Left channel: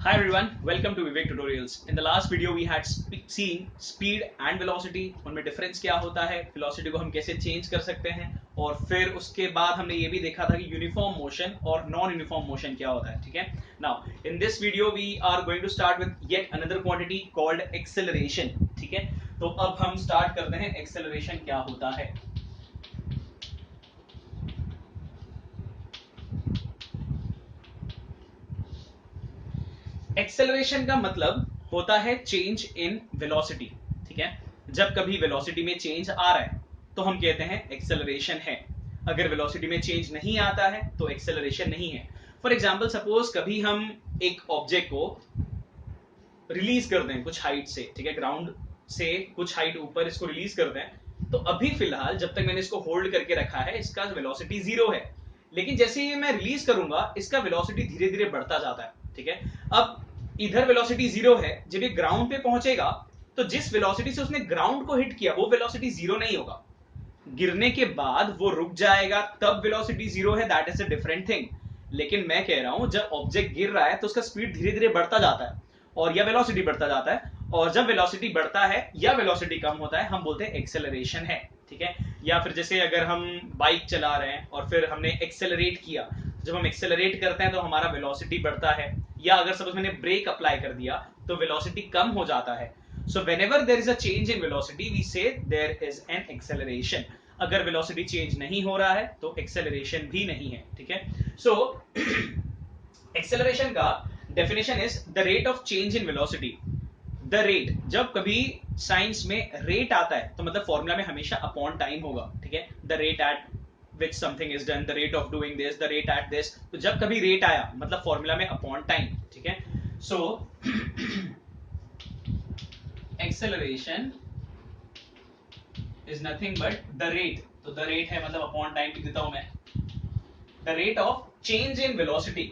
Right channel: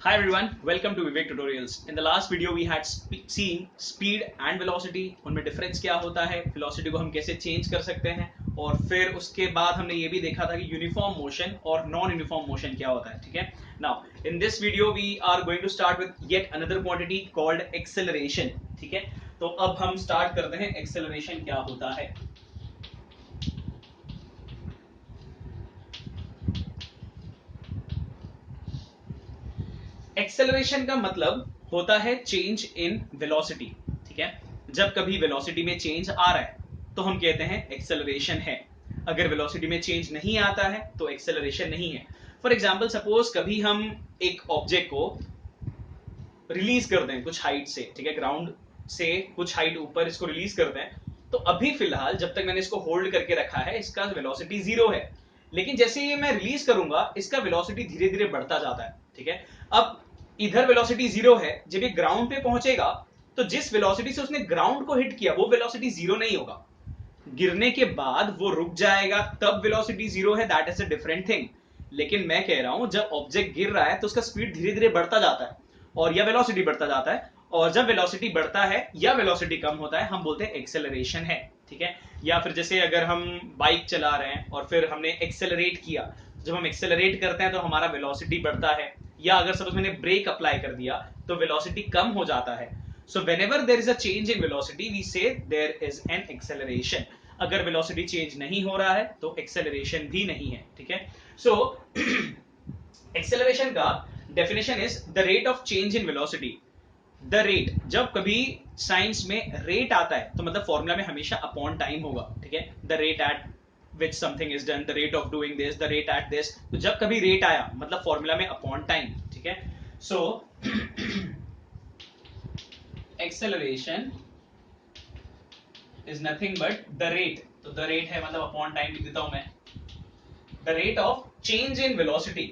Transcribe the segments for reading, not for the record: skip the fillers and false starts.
Hi everyone, welcome to Vivek Tutorials. In the last video we had seen speed and velocity, उनमें difference क्या होता है, velocity को हम कैसे चेंज कर सकते हैं, और फिर उसके बाद हमने ये भी देखा था कि यूनिफॉर्म मोशन और नॉन यूनिफॉर्म मोशन क्या होता है. ठीक है. Now in this video we are going to start with yet another quantity called acceleration. ठीक है. तो अब हम स्टार्ट करते हैं एक्सेलरेशन क्या होता है. एक्सेलरेशन का मतलब होता है चेंज इन वेलोसिटी. ठीक है. जब कभी वेलोसिटी में चेंज आ रहा है तो हम कहते हैं एक्सेलरेशन है. अगर वेलोसिटी में चेंज नहीं आता है तो एक्सेलरेशन नहीं है. फॉर एग्जाम्पल सपोज कभी हम एक ऑब्जेक्ट को रिलीज कर दें कुछ हाइट से. ठीक है. ग्राउंड से कुछ हाइट ऊपर इसको रिलीज कर दें, तो अभी फिलहाल जब तक मैंने इसको होल्ड करके रखा है इसका वेलोसिटी 0 है. लेकिन जैसे ही मैं रिलीज करूंगा इसका वेलोसिटी धीरे धीरे बढ़ता जाता है. ठीक है. अब इधर वेलोसिटी 0 है, जब ये ग्राउंड पे पहुंचेगा तो जिस वेलोसिटी से उसने ग्राउंड को हिट किया वो वेलोसिटी 0 नहीं होगा. गिरने के बाद वो रुक जाएगा तब वेलोसिटी 0 है. That is a different thing. लेकिन मैं कह रहा हूं जब ऑब्जेक्ट गिर रहा है तो उसका स्पीड धीरे धीरे बढ़ता जाता है और या वेलोसिटी बढ़ता जाता है, और जब वेलोसिटी बढ़ता है या वेलोसिटी कम होता है हम बोलते हैं एक्सेलरेशन है. ठीक है. या फिर जैसे अगर हम बाइक चला रहे हैं और फिर हमने एक्सेलरेट किया, जब हम एक्सेलरेट करते हैं तो हमारा वेलोसिटी बढ़ता है, या अगर सपोज मैंने ब्रेक अप्लाई कर दिया तो वेलोसिटी कम हो जाता है. So whenever there is a change in velocity we say there is an acceleration. अगर वेलोसिटी चेंज नहीं हो रहा है तो एक्सेलरेशन भी नहीं है. ठीक है. सो एक्सेलरेशन का definition is the rate of change in velocity. The rate, जब कभी साइंस में रेट आता है तो मतलब फॉर्मूला में हमेशा अपॉन टाइम होगा. ठीक है. The rate at which something is done, the rate of doing this, the rate at this. तो जब कभी रेट आया मतलब फॉर्मूला में अपॉन टाइम. ठीक है. So acceleration is nothing but the rate. तो द रेट है मतलब अपॉन टाइम लिख देता हूं मैं. The rate of change in velocity.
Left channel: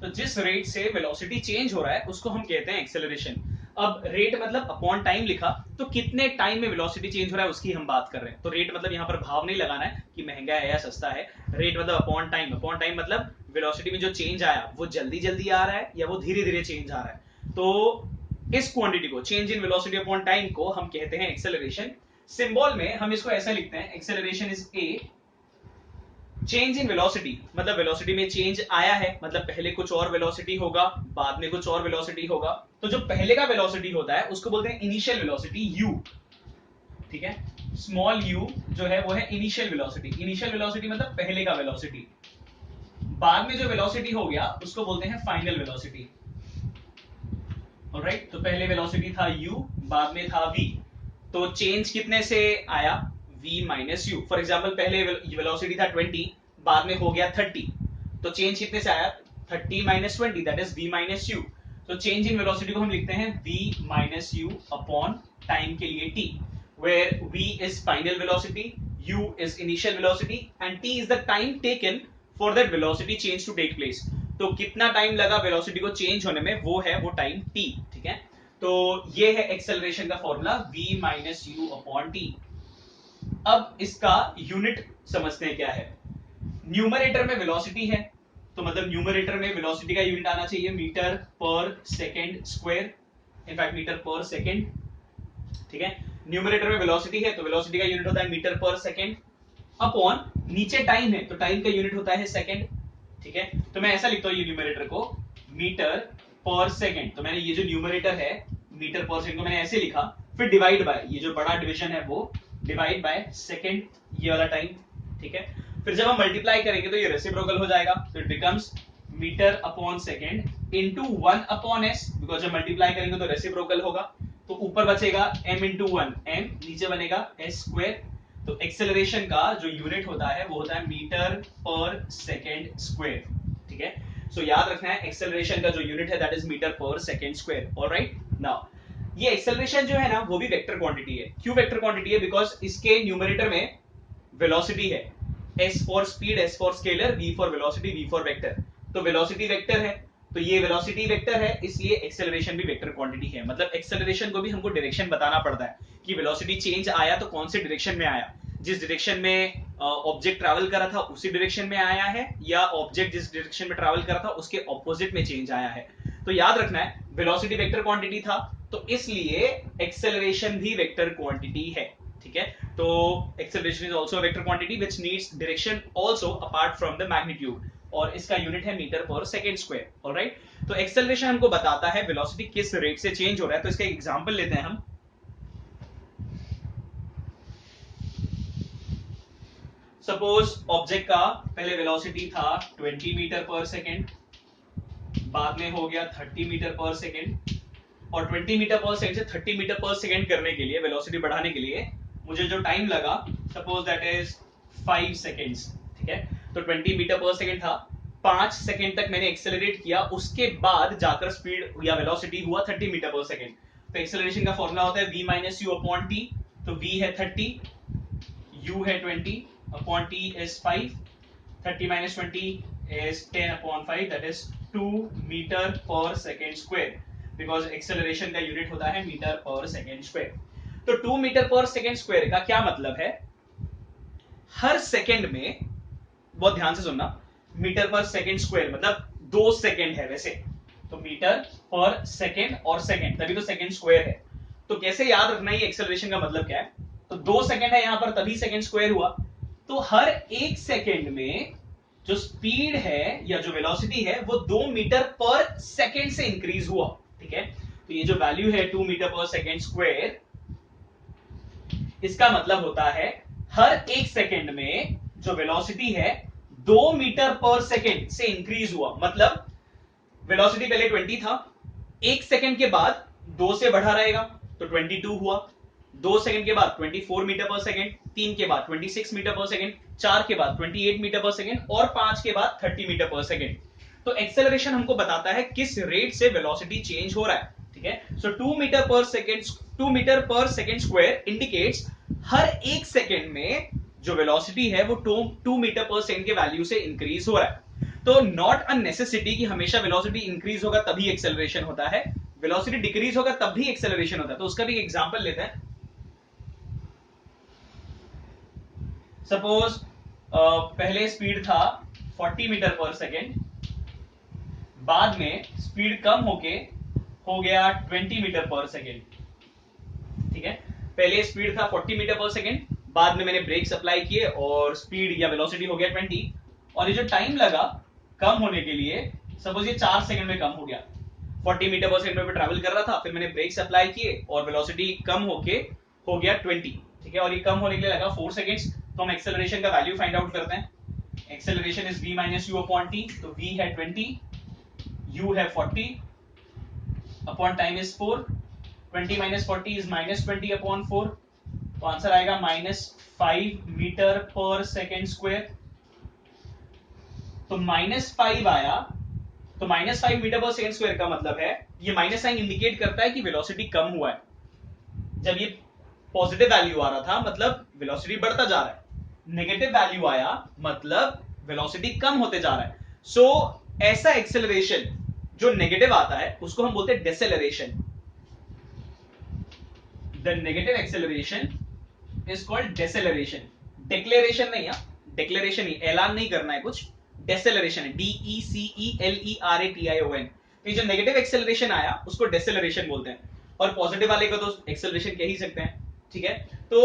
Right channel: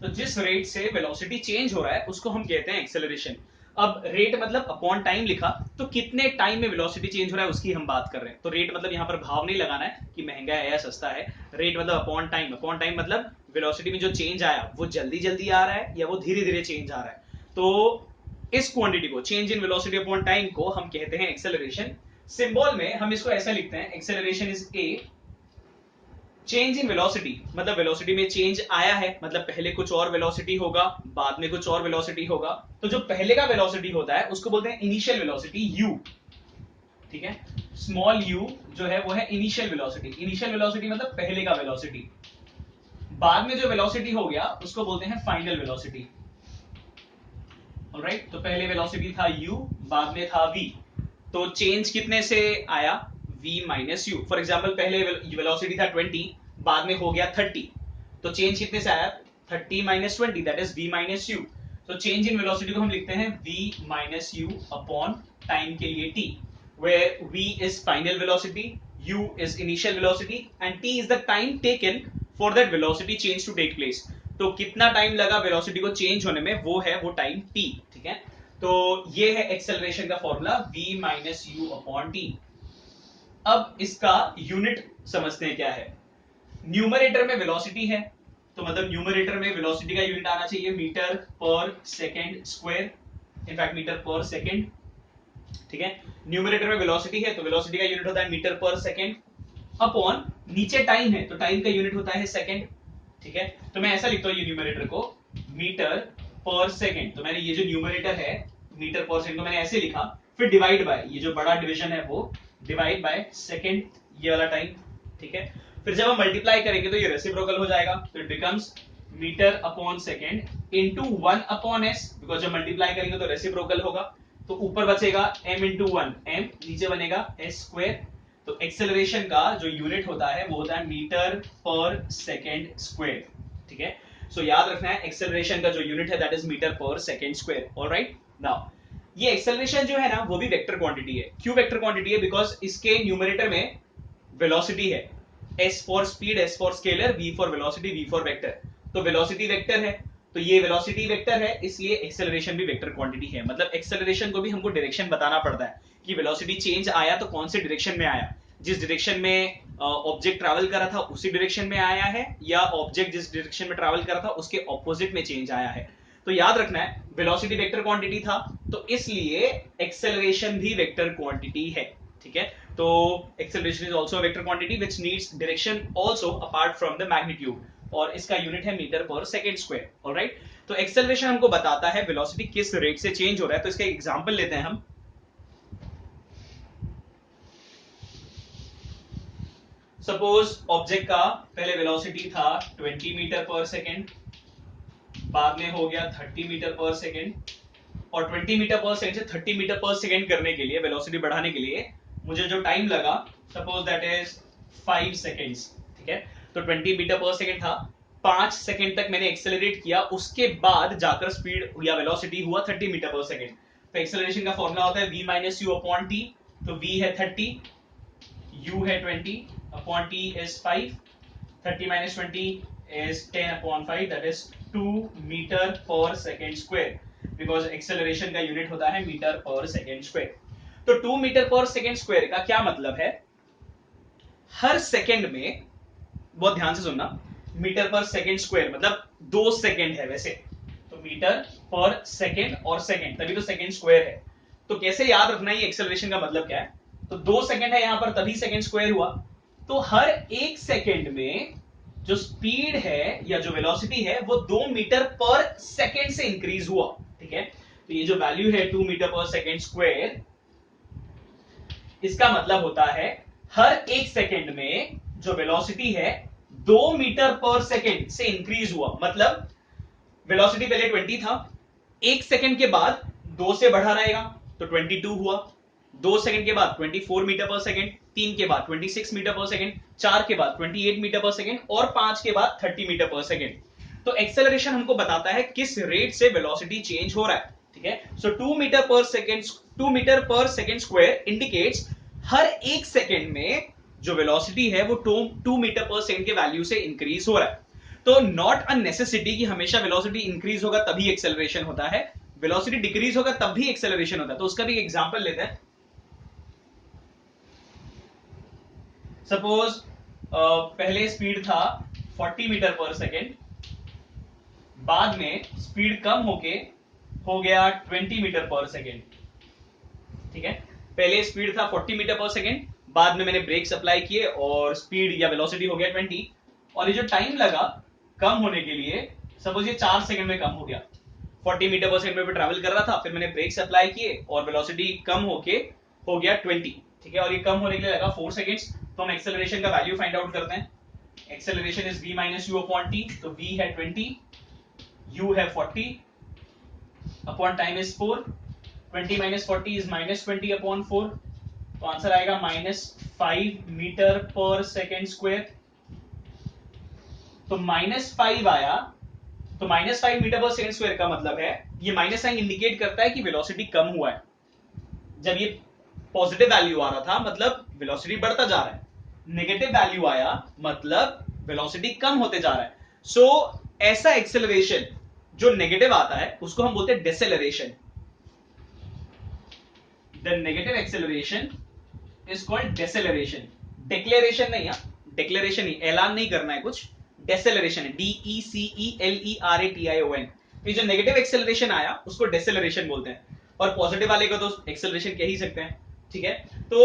तो जिस रेट से वेलोसिटी चेंज हो रहा है उसको हम कहते हैं एक्सेलरेशन. अब रेट मतलब अपॉन टाइम लिखा, तो कितने टाइम में वेलोसिटी चेंज हो रहा है उसकी हम बात कर रहे हैं. तो रेट मतलब यहां पर भाव नहीं लगाना है कि महंगा है या सस्ता है. रेट मतलब अपॉन टाइम. अपॉन टाइम मतलब वेलोसिटी में जो चेंज आया वो जल्दी जल्दी आ रहा है या वो धीरे धीरे चेंज आ रहा है. तो इस क्वांटिटी को, change in velocity upon time को हम कहते हैं एक्सेलरेशन. सिंबल में हम इसको ऐसा लिखते हैं, acceleration is a change in velocity. मतलब वेलोसिटी में चेंज आया है मतलब पहले कुछ और वेलोसिटी होगा, बाद में कुछ और वेलोसिटी होगा. तो जो पहले का वेलोसिटी होता है उसको बोलते हैं इनिशियल वेलोसिटी यू. ठीक है. स्मॉल यू जो है वो है इनिशियल वेलोसिटी. इनिशियल वेलोसिटी मतलब पहले का वेलोसिटी. बाद में जो वेलोसिटी हो गया उसको बोलते हैं फाइनल वेलोसिटी. ऑलराइट. तो पहले वेलोसिटी था u, बाद में था v. तो चेंज कितने से आया, v minus you. For example पहले वेलोसिटी था 20, बाद में हो गया 30. तो चेंज कितने से आया, 30 minus 20, that is v minus you. तो चेंज इन वेलोसिटी को हम लिखते हैं v minus you upon time के लिए t, where v is final velocity, u is initial velocity and t is the time taken for that velocity change to take place. तो कितना time लगा velocity को चेंज होने में वो है वो टाइम t. ठीक है. तो ये है एक्सेलरेशन का formula v minus you upon T. अब इसका यूनिट समझते हैं क्या है. न्यूमरेटर में वेलोसिटी है तो मतलब न्यूमरेटर में वेलोसिटी का यूनिट आना चाहिए metre per second square. In fact metre per second. ठीक है. न्यूमरेटर में वेलोसिटी है तो वेलोसिटी का यूनिट होता है मीटर पर सेकेंड अपॉन नीचे टाइम है तो टाइम का यूनिट होता है सेकेंड. ठीक है. तो मैं ऐसा लिखता हूं ये न्यूमरेटर को मीटर पर सेकेंड. तो मैंने ये जो न्यूमरेटर है मीटर पर सेकेंड को मैंने ऐसे लिखा, फिर डिवाइड बाय ये जो बड़ा डिवीजन है वो डिवाइड बाय सेकेंड, ये वाला टाइम. ठीक है. फिर जब हम मल्टीप्लाई करेंगे तो ये रेसिप्रोकल हो जाएगा. तो it becomes metre upon second into 1 upon s, because जब मल्टीप्लाई करेंगे तो रेसिप्रोकल होगा. तो ऊपर बचेगा m इंटू 1 m, नीचे बनेगा एस स्क्वायर. तो एक्सेलरेशन का जो यूनिट होता है वो होता है मीटर पर सेकेंड स्क्वायर. ठीक है. सो याद रखना है एक्सेलरेशन का जो यूनिट है that is metre per second square. Alright. Now ये एक्सेलरेशन जो है ना वो भी वेक्टर क्वांटिटी है. क्यों वेक्टर क्वांटिटी है, बिकॉज इसके न्यूमरेटर में वेलोसिटी है, s for speed, s for scalar, v for velocity, v for vector. तो वेलोसिटी वेक्टर है तो ये वेलोसिटी वेक्टर है, इसलिए एक्सेलरेशन भी वेक्टर क्वांटिटी है. मतलब एक्सेलरेशन को भी हमको डायरेक्शन बताना पड़ता है कि वेलोसिटी चेंज आया तो कौन से डायरेक्शन में आया. जिस डायरेक्शन में ऑब्जेक्ट ट्रैवल कर रहा था उसी डायरेक्शन में आया है, या ऑब्जेक्ट जिस डायरेक्शन में ट्रैवल कर रहा था उसके ऑपोजिट में चेंज आया है। तो याद रखना है वेलोसिटी वेक्टर क्वांटिटी था, तो इसलिए एक्सेलरेशन भी वेक्टर क्वांटिटी है। ठीक है, तो acceleration is also vector quantity which needs direction also apart from the magnitude, और इसका यूनिट है मीटर पर सेकंड स्क्वायर। ऑलराइट, तो एक्सेलरेशन हमको बताता है वेलोसिटी किस रेट से चेंज हो रहा है। तो इसका एग्जांपल लेते हैं हम। सपोज ऑब्जेक्ट का पहले वेलोसिटी था 20 मीटर पर सेकेंड, बाद में हो गया 30 मीटर पर सेकेंड, और 20 मीटर पर सेकेंड से 30 मीटर पर सेकेंड करने के लिए, वेलोसिटी बढ़ाने के लिए मुझे जो टाइम लगा, सपोज दैट इज 5 सेकेंड्स। ठीक है, तो 20 मीटर पर सेकेंड था, 5 सेकेंड तक मैंने एक्सेलरेट किया, उसके बाद जाकर स्पीड या वेलोसिटी हुआ 30 मीटर पर सेकेंड। तो एक्सेलरेशन का फॉर्मूला होता है v minus you upon T. तो v है 30, u है 20 upon t is 5, 30 minus 20 is 10 upon 5, that is 2 meter per second square, because acceleration का यूनिट होता है मीटर पर सेकेंड स्क्वायर। तो 2 मीटर पर सेकेंड स्क्वायर का क्या मतलब है, हर सेकेंड में, बहुत ध्यान से सुनना, मीटर पर सेकेंड स्क्वायर मतलब 2 सेकेंड है वैसे, तो मीटर पर सेकेंड और सेकेंड, तभी तो सेकेंड स्क्वायर है। तो कैसे याद रखना ये एक्सेलरेशन का मतलब क्या है, तो 2 सेकेंड है यहां पर तभी सेकेंड स्क्वायर हुआ, तो हर 1 सेकेंड में जो स्पीड है या जो वेलोसिटी है वो 2 मीटर पर सेकेंड से इंक्रीज हुआ। ठीक है, तो ये जो वैल्यू है 2 मीटर पर सेकेंड स्क्वायर, इसका मतलब होता है हर 1 सेकेंड में जो वेलोसिटी है 2 मीटर पर सेकेंड से इंक्रीज हुआ। मतलब वेलोसिटी पहले 20 था, 1 सेकेंड के बाद 2 से बढ़ा रहेगा तो 22 हुआ, 2 सेकंड के बाद 24 मीटर पर सेकंड, 3 के बाद 26 मीटर पर सेकंड, 4 के बाद 28 मीटर पर सेकंड, और 5 के बाद 30 मीटर पर सेकंड। तो एक्सेलरेशन हमको बताता है किस रेट से वेलोसिटी चेंज हो रहा है। ठीक है, सो 2 मीटर पर सेकंड स्क्वायर इंडिकेट्स हर 1 सेकंड में जो वेलोसिटी है वो 2 मीटर पर सेकंड के वैल्यू से इंक्रीज हो रहा है। तो नॉट अ नेसेसिटी कि हमेशा वेलोसिटी इंक्रीज होगा तभी एक्सेलरेशन होता है, वेलोसिटी डिक्रीज होगा तब भी एक्सेलरेशन होता है। तो उसका भी एग्जांपल लेते हैं। सपोज पहले स्पीड था 40 मीटर पर सेकेंड, बाद में स्पीड कम होके हो गया 20 मीटर पर सेकेंड। ठीक है, पहले स्पीड था 40 मीटर पर सेकेंड, बाद में मैंने ब्रेक्स अप्लाई किए और स्पीड या वेलोसिटी हो गया 20, और ये जो टाइम लगा कम होने के लिए, सपोज ये 4 सेकंड में कम हो गया, 40 मीटर पर सेकेंड में ट्रैवल कर रहा था, फिर मैंने ब्रेक्स अप्लाई किए और वेलोसिटी कम होके हो गया 20। ठीक है, और ये कम होने के लिए लगा 4 सेकंड्स। तो हम एक्सेलरेशन का वैल्यू फाइंड आउट करते हैं। Acceleration is v minus you upon T, तो v है 20, u है 40 upon time is 4, 20 minus 40 is minus 20 upon 4, तो आंसर आएगा -5 मीटर पर सेकेंड स्क्वायर। तो -5 आया, तो -5 मीटर पर सेकेंड स्क्वायर का मतलब है, ये माइनस साइन इंडिकेट करता है कि वेलोसिटी कम हुआ है। जब ये पॉजिटिव वैल्यू आ रहा था मतलब वेलोसिटी बढ़ता जा रहा है, नेगेटिव वैल्यू आया मतलब वेलोसिटी कम होते जा रहा है। सो ऐसा एक्सेलरेशन जो नेगेटिव आता है उसको हम बोलते हैं deceleration. The negative acceleration is called deceleration. Declaration नहीं, डिक्लेरेशन ही, ऐलान नहीं करना है कुछ, डेसेलरेशन है, DECELERATION। ये जो नेगेटिव एक्सेलरेशन आया उसको डेसेलरेशन बोलते हैं, और पॉजिटिव वाले को तो एक्सेलरेशन कह ही सकते हैं। ठीक है, तो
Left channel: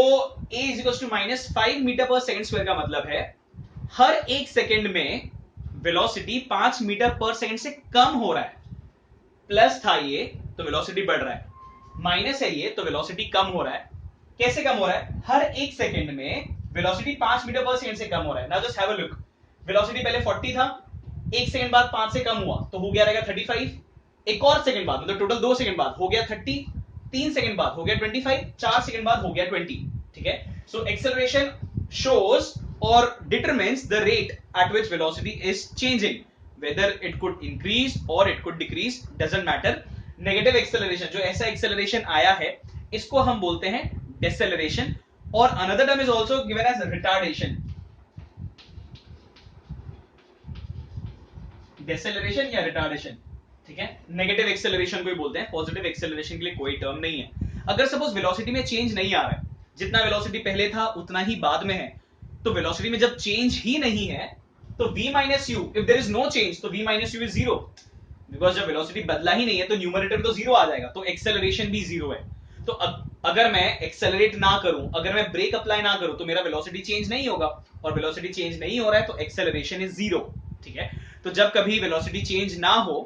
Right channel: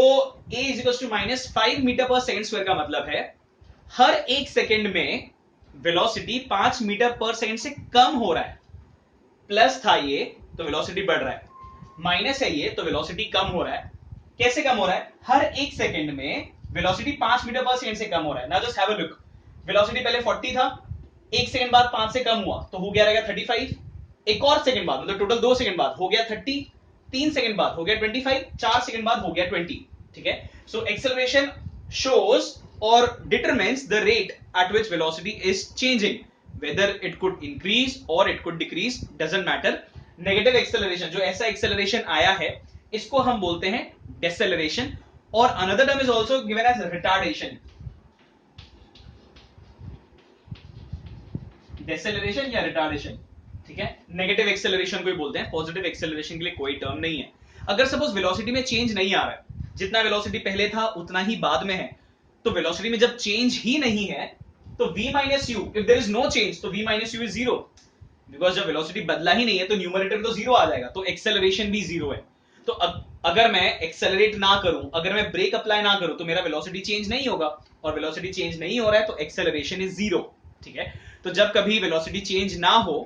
a is equal to -5 metre per second square का मतलब है हर 1 सेकेंड में वेलोसिटी 5 मीटर पर सेकेंड से कम हो रहा है। प्लस था ये तो वेलोसिटी बढ़ रहा है, माइनस है ये तो वेलोसिटी कम हो रहा है। कैसे कम हो रहा है, हर 1 सेकेंड में वेलोसिटी 5 मीटर पर सेकेंड से कम हो रहा है। Now just have a look, velocity पहले 40 था, 1 सेकेंड बाद 5 से कम हुआ तो हो गया रहेगा 35, एक और सेकेंड बाद मतलब टोटल 2 सेकेंड बाद हो गया 30, 3 सेकेंड बाद हो गया 25, 4 सेकेंड बाद हो गया 20। ठीक है, so acceleration shows or determines the rate at which velocity is changing, whether it could increase or it could decrease, doesn't matter। Negative acceleration, जो ऐसा एक्सेलरेशन आया है इसको हम बोलते हैं डेसेलरेशन, और another term is also given as retardation. Deceleration या रिटार्डेशन, ठीक है, नेगेटिव एक्सेलरेशन को ही बोलते हैं, पॉजिटिव एक्सेलरेशन के लिए कोई टर्म नहीं है। अगर सपोज वेलोसिटी में चेंज नहीं आ रहा है, जितना वेलोसिटी पहले था उतना ही बाद में है। तो वेलोसिटी में जब चेंज ही नहीं है तो v minus u, if there is no change तो v minus u is zero, because जब वेलोसिटी बदला ही नहीं है तो न्यूमरेटर में तो जीरो आ जाएगा, तो एक्सेलरेशन भी जीरो है। तो अगर मैं एक्सेलरेट ना करूं, अगर मैं ब्रेक अप्लाई ना करूं तो मेरा वेलोसिटी चेंज नहीं होगा, और वेलोसिटी चेंज नहीं हो रहा है तो एक्सेलरेशन इज जीरो। ठीक है, तो जब कभी वेलोसिटी चेंज ना हो,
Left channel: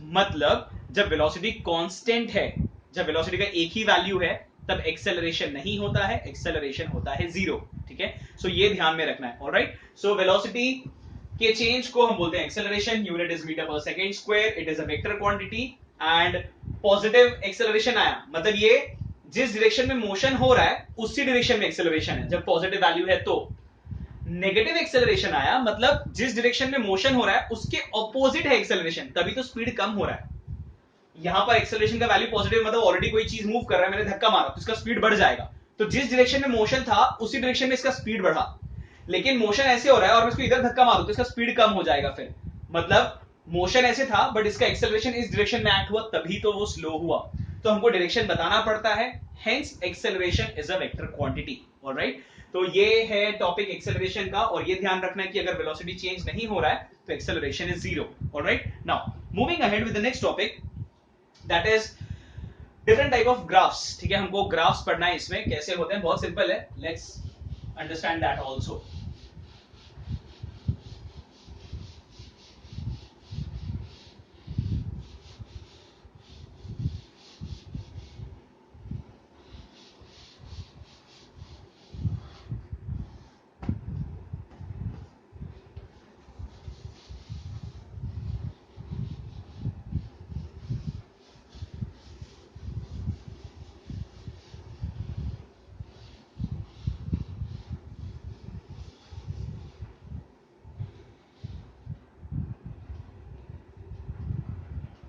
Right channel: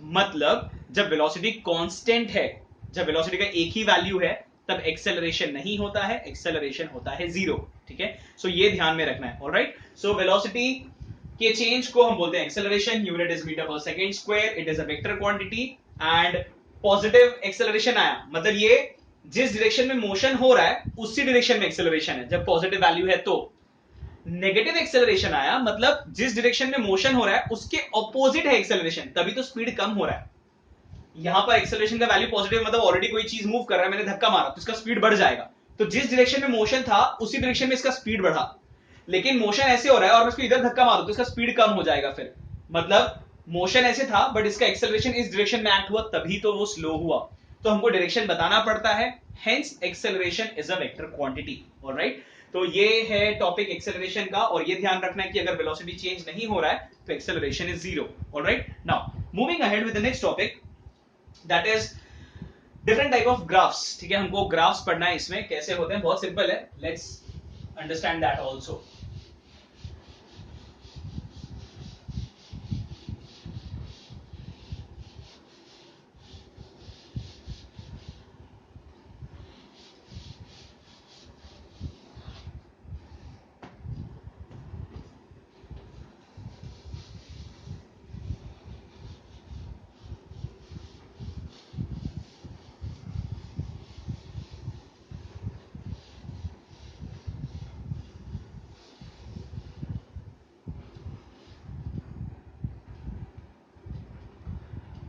मतलब जब वेलोसिटी कांस्टेंट है, जब वेलोसिटी का एक ही वैल्यू है, तब एक्सेलरेशन नहीं होता है, एक्सेलरेशन होता है जीरो। ठीक है, सो ये ध्यान में रखना है। ऑलराइट, सो वेलोसिटी के चेंज को हम बोलते हैं एक्सेलरेशन, यूनिट इज मीटर पर second square, it is a vector quantity. And positive acceleration आया मतलब ये जिस डायरेक्शन में मोशन हो रहा है उसी डायरेक्शन में एक्सेलरेशन है जब पॉजिटिव वैल्यू है। तो नेगेटिव एक्सेलरेशन आया मतलब जिस डायरेक्शन में मोशन हो रहा है उसके ऑपोजिट है एक्सेलरेशन, तभी तो स्पीड कम हो रहा है। यहां पर एक्सेलरेशन का वैल्यू पॉजिटिव मतलब ऑलरेडी कोई चीज मूव कर रहा है, मैंने धक्का मारा तो इसका स्पीड बढ़ जाएगा, तो जिस डायरेक्शन में मोशन था उसी डायरेक्शन में इसका स्पीड बढ़ा। लेकिन मोशन ऐसे हो रहा है और मैं इसको इधर धक्का मारूं तो इसका स्पीड कम हो जाएगा, फिर मतलब मोशन ऐसे था बट इसका एक्सेलरेशन इस डायरेक्शन में एक्ट हुआ तभी तो वो स्लो हुआ। तो हमको डायरेक्शन बताना पड़ता है, hence acceleration is a vector quantity. Alright, तो ये है टॉपिक एक्सेलरेशन का, और ये ध्यान रखना है कि अगर वेलोसिटी चेंज नहीं हो रहा है तो acceleration is zero. Alright, now moving ahead with the next topic, that is different type of graphs. ठीक है, हमको ग्राफ्स पढ़ना है, इसमें कैसे होते हैं, बहुत सिंपल है, लेट्स अंडरस्टैंड दैट ऑल्सो।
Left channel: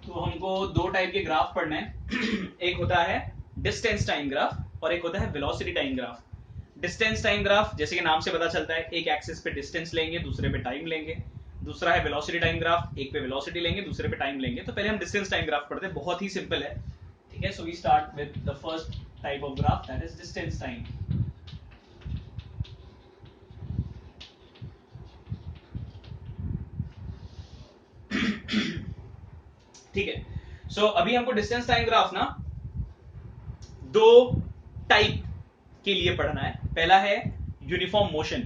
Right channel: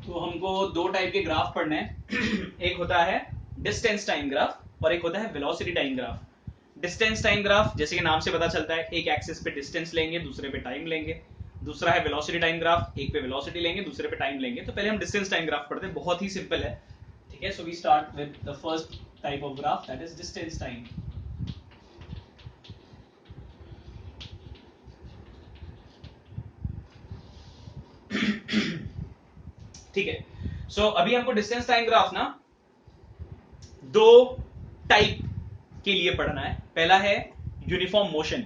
तो हमको दो टाइप के ग्राफ पढ़ने हैं एक होता है डिस्टेंस टाइम ग्राफ और एक होता है velocity time graph. Distance time graph जैसे कि नाम से पता चलता है, एक एक्सिस पे डिस्टेंस लेंगे, दूसरे पे टाइम लेंगे। दूसरा है वेलोसिटी टाइम ग्राफ, एक पे वेलोसिटी लेंगे, दूसरे पे टाइम लेंगे। तो पहले हम डिस्टेंस टाइम ग्राफ पढ़ते हैं, बहुत ही सिंपल है। ठीक है, so we start with the first type of graph, that is distance time. ठीक है, सो अभी हमको डिस्टेंस टाइम ग्राफ ना दो टाइप के लिए पढ़ना है। पहला है यूनिफॉर्म मोशन,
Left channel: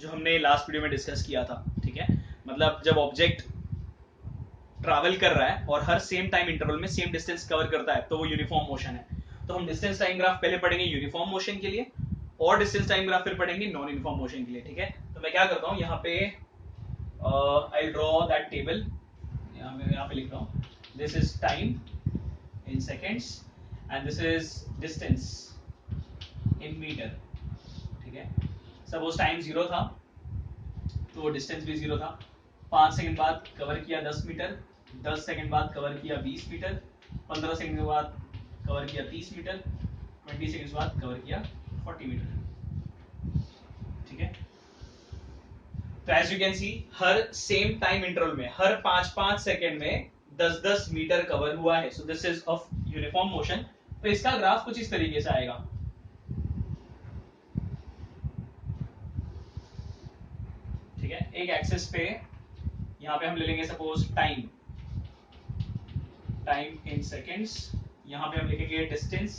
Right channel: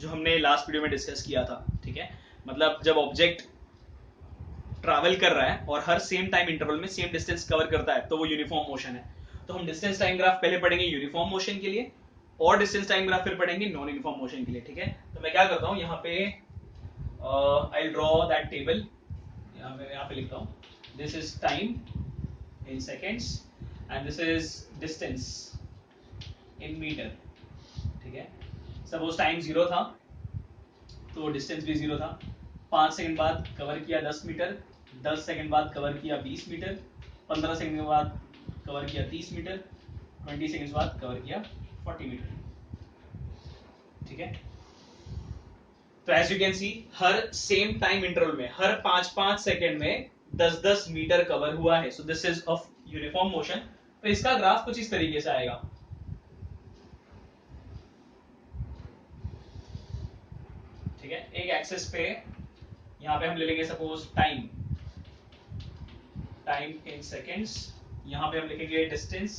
जो हमने लास्ट वीडियो में डिस्कस किया था। ठीक है, मतलब जब ऑब्जेक्ट ट्रैवल कर रहा है और हर सेम टाइम इंटरवल में सेम डिस्टेंस कवर करता है तो वो यूनिफॉर्म मोशन है। तो हम डिस्टेंस टाइम ग्राफ पहले पढ़ेंगे यूनिफॉर्म मोशन के लिए, और डिस्टेंस टाइम ग्राफ फिर पढ़ेंगे नॉन यूनिफॉर्म मोशन के लिए। ठीक है, तो मैं क्या करता हूं, यहाँ पे आई ड्रॉ दैट टेबल, यहाँ पे लिखता हूँ, this is time in seconds and this is distance in metre. ठीक है, सपोज टाइम जीरो था तो डिस्टेंस भी जीरो था। 5 सेकंड बाद कवर किया 10 मीटर, 10 सेकंड बाद कवर किया 20 मीटर, 15 सेकंड के बाद कवर किया 30 मीटर, 20 सेकंड बाद कवर किया 40 मीटर। ठीक है, तो एज यू कैन सी हर सेम टाइम इंटरवल में हर 5-5 सेकंड में 10-10 मीटर कवर हुआ है। So this is of uniform motion. तो इसका ग्राफ कुछ इस तरीके से आएगा। ठीक है, एक एक्सिस पे यहां पे हम ले लेंगे suppose time, time in seconds, यहां पे हम लिखेंगे डिस्टेंस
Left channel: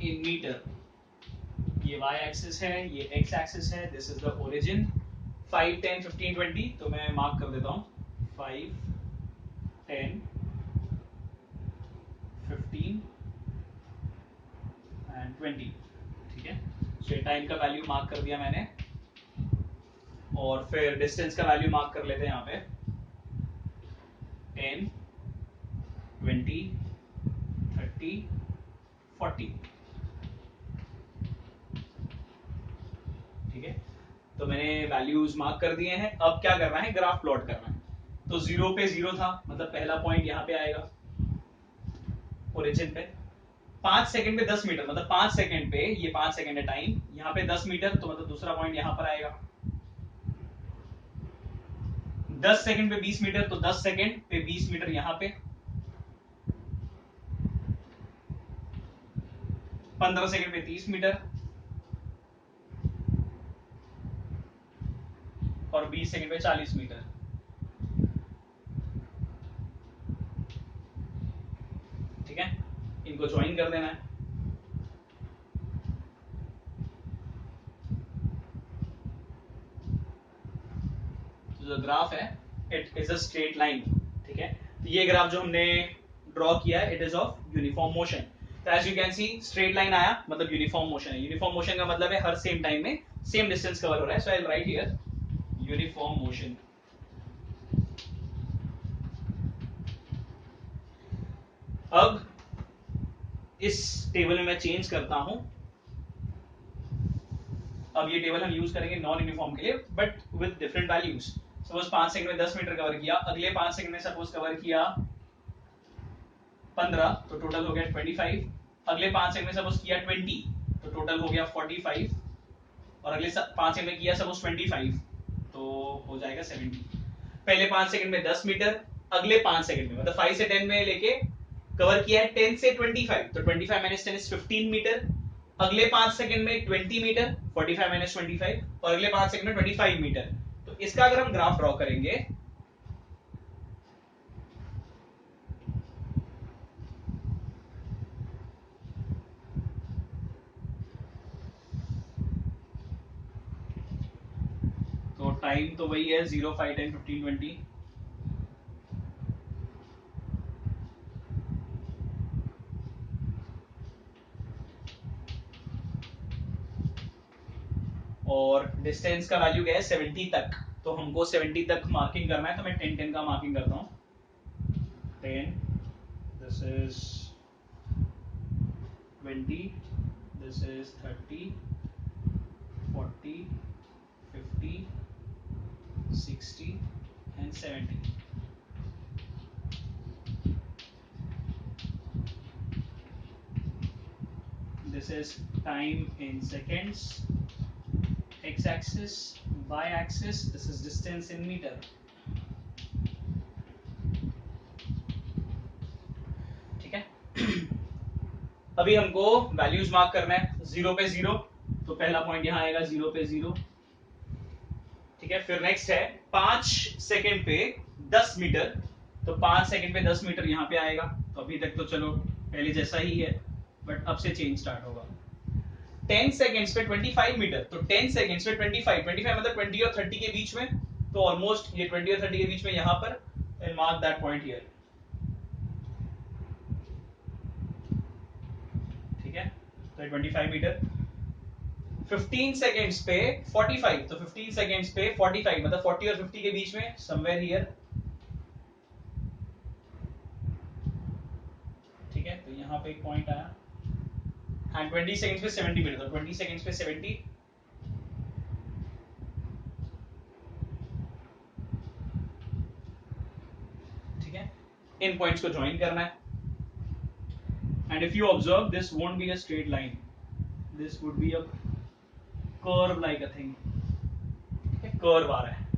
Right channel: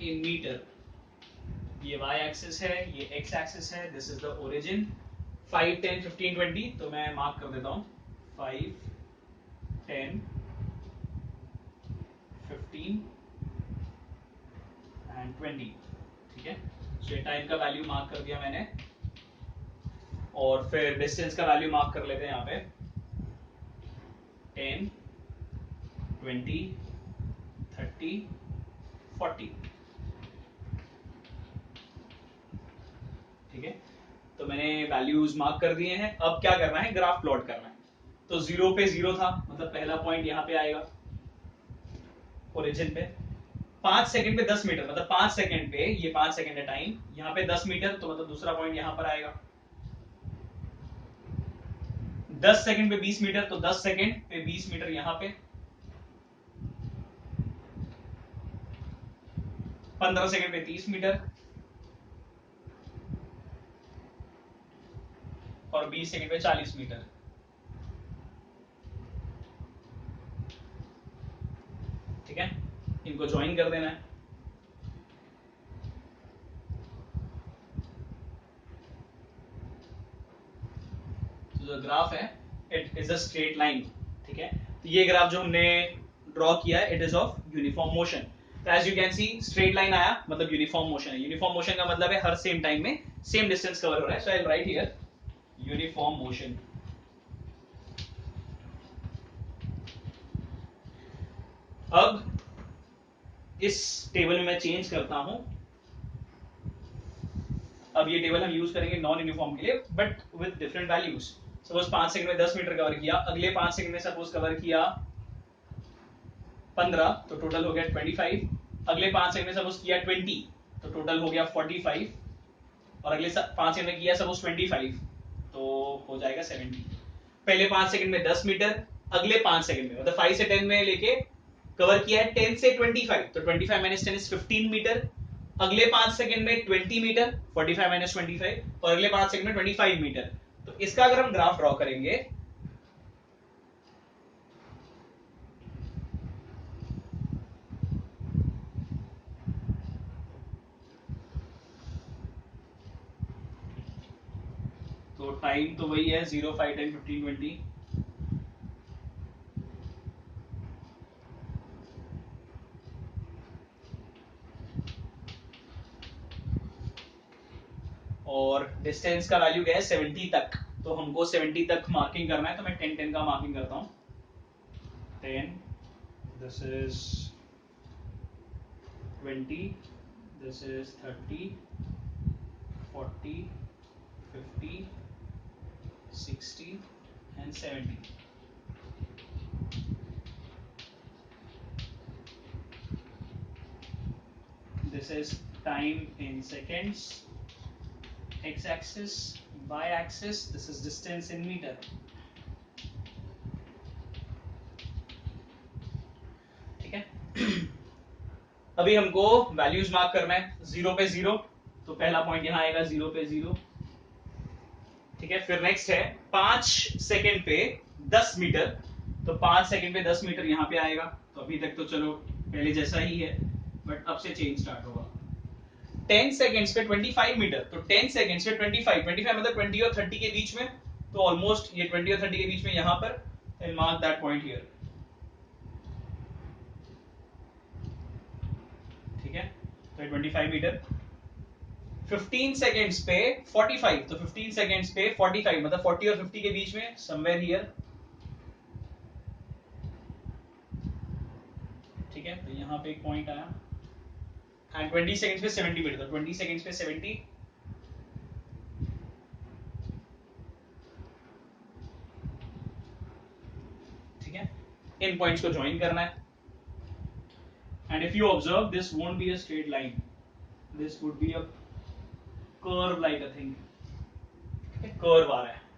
इन मीटर। ये y एक्सिस है, ये x एक्सिस है, दिस इज द ओरिजिन। 5, 10, 15, 20, तो मैं मार्क कर देता हूं 5, 10, 15 एंड 20। ठीक है, सो ये टाइम का वैल्यू मार्क कर दिया मैंने, और फिर डिस्टेंस का वैल्यू मार्क कर लेते हैं यहाँ पे 10, 20, 30, 40। ठीक है, तो मैंने वैल्यूज मार्क कर दिए हैं। अब क्या करना है, ग्राफ प्लॉट करना है। तो जीरो पे जीरो था मतलब पहला पॉइंट यहाँ पे आएगा ओरिजिन पे। 5 सेकंड पे 10 मीटर मतलब 5 सेकंड पे, ये 5 सेकंड है टाइम, यहाँ पे 10 मीटर तो मतलब दूसरा पॉइंट यहाँ पर आएगा। 10 सेकंड पे 20 मीटर तो 10 सेकंड पे 20 मीटर यहाँ पे। 15 सेकंड में 30 मीटर और 20 सेकंड में 40 मीटर। ठीक है, इनको ज्वाइन कर देना है। तो जो ग्राफ है it is a straight line. ठीक है, तो ये ग्राफ जो हमने ड्रॉ किया है it is of uniform motion. तो as you can see straight line आया मतलब यूनिफॉर्म मोशन है। यूनिफॉर्म मोशन का मतलब है हर सेम टाइम में सेम डिस्टेंस कवर हो रहा है। So I will write here uniform motion. अब इस टेबल में मैं चेंज करता हूं। अब ये टेबल हम यूज करेंगे नॉन यूनिफॉर्म के लिए but with different values. Suppose 5 second में 10 मीटर कवर किया, अगले 5 सेकंड में सपोज कवर किया 15, तो टोटल हो गया 25। अगले 5 सेकंड में सपोज किया 20, तो टोटल हो गया 45। और अगले 5 सेकंड में किया सपोज 25, तो हो जाएगा 70। पहले 5 सेकंड में 10 मीटर, अगले 5 सेकंड में मतलब 5 से 10 में लेके कवर किया है 10 से 25, तो 25 माइनस 10 इज 15 मीटर। अगले 5 सेकंड में 20 मीटर, 45 माइनस 25, और अगले 5 सेकंड में 25 मीटर। तो इसका अगर हम ग्राफ ड्रॉ करेंगे तो टाइम तो वही है 0, 5, 10, 15, 20। और डिस्टेंस का वैल्यू क्या है 70 तक, तो हमको 70 तक मार्किंग करना है। तो मैं 10 10 का मार्किंग करता हूं। 10, this is 20, this is 30, 40, 50, 60 and 70। This is time in seconds, x-axis, y-axis, this is distance in meter। ठीक है, अभी हमको वैल्यूज मार्क करना है। 0 पे 0, तो पहला पॉइंट यहाँ आएगा 0 पे 0। ठीक है, फिर नेक्स्ट है 5 सेकंड पे 10 मीटर, तो 5 सेकंड पे 10 मीटर यहाँ पे आएगा। तो अभी तक तो चलो पहले जैसा ही है बट अब से चेंज स्टार्ट होगा। 10 सेकंड्स पे 25 मीटर, तो 10 सेकंड्स पे 25 मतलब 20 और 30 के बीच में, तो ऑलमोस्ट ये 20 और 30 के बीच में यहाँ पर I mark that point here. ठीक है, तो 25 मीटर। 15 सेकंड्स पे 45, तो 15 सेकंड्स पे 45 मतलब 40 और 50 के बीच में समवेयर हियर। ठीक है, तो यहाँ पे एक पॉइंट आया। एंड 20 सेकंड्स पे 70 मीटर, तो 20 सेकंड्स पे 70। ठीक है, इन पॉइंट्स को ज्वाइन करना है। And if you observe this won't be a straight line, this would be a curve like a thing. Curve आ रहा है,